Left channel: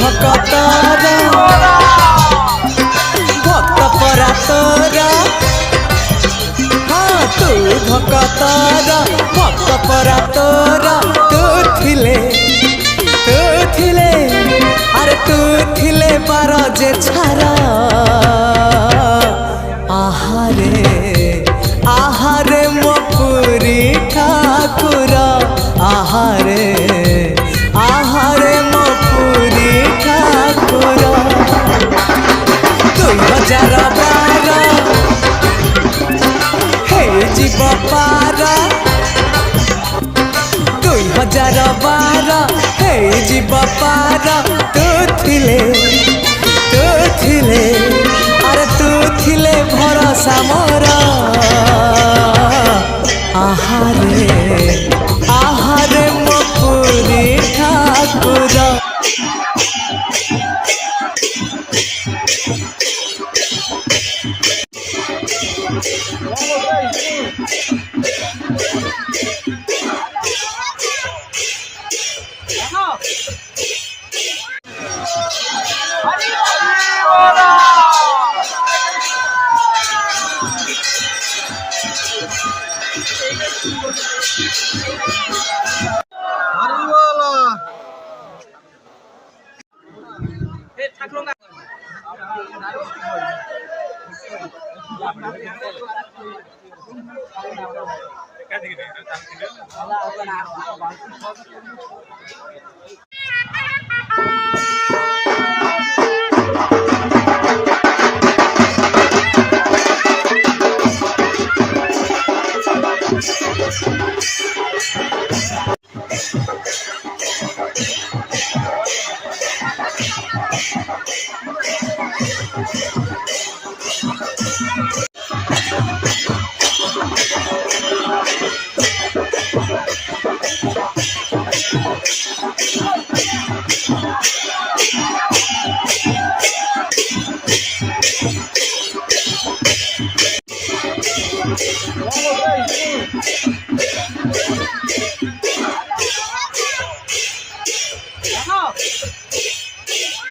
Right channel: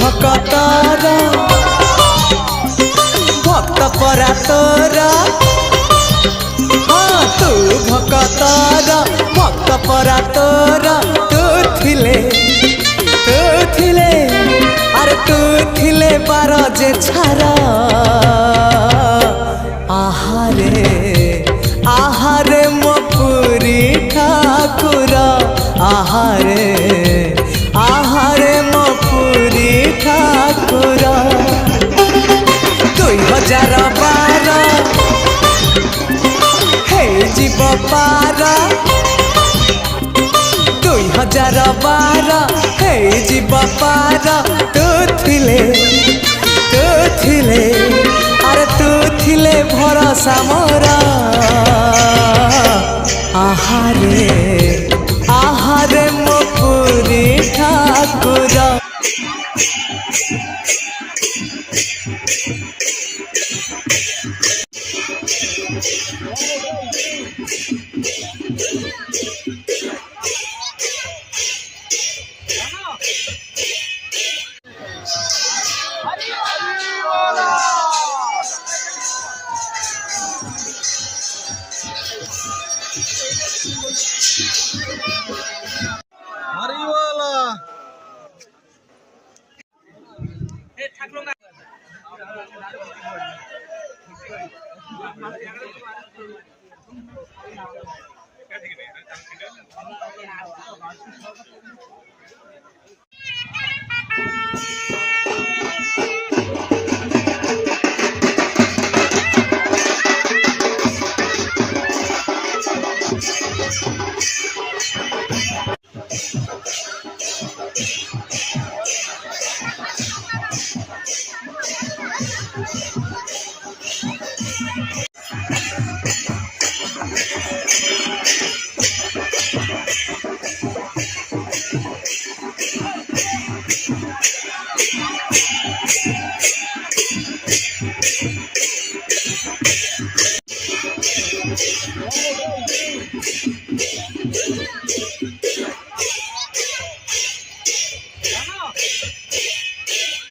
भक्तर भक्त परा तोर हाँ तू भक्तर भक्त परा तोर तू थिले अरे तू थिले बार जे छारा आहारे मो पुरी ठाकुर आहारे मो पुरी ठाकुर 2012 हे जीव पार 2012 हे जीव पार तू थिले अरे तू थिले भरोसा मोर आहारे मो पुरी ठाकुर